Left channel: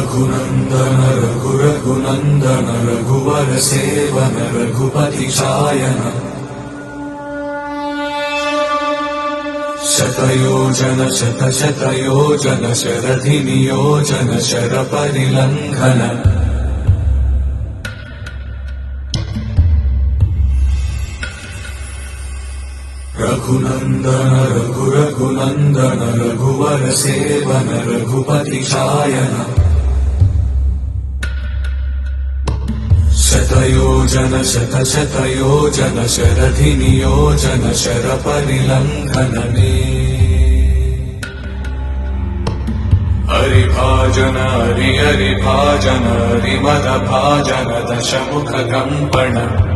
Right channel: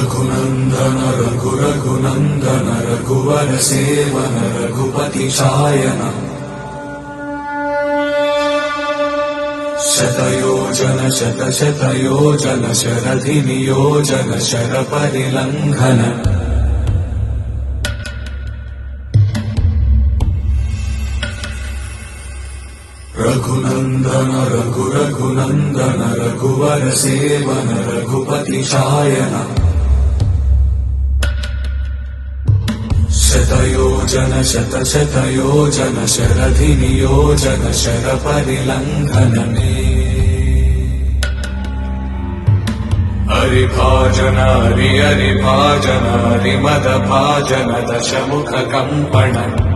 रघुनंदन रघुनंदन रघुवर seven Raghupati Shayan शतयोजन शतशतयोजन शरधि नियोजन शरपरिलंघन रघुनंदन रघुनंदन रघुवर seven Raghupati Shayan शतयोजन शतशतयोजन शरधि नियोजन शरपरिलंघन हरिभाजन हरिभाजन हरिमद भाजन दशमुख कंपन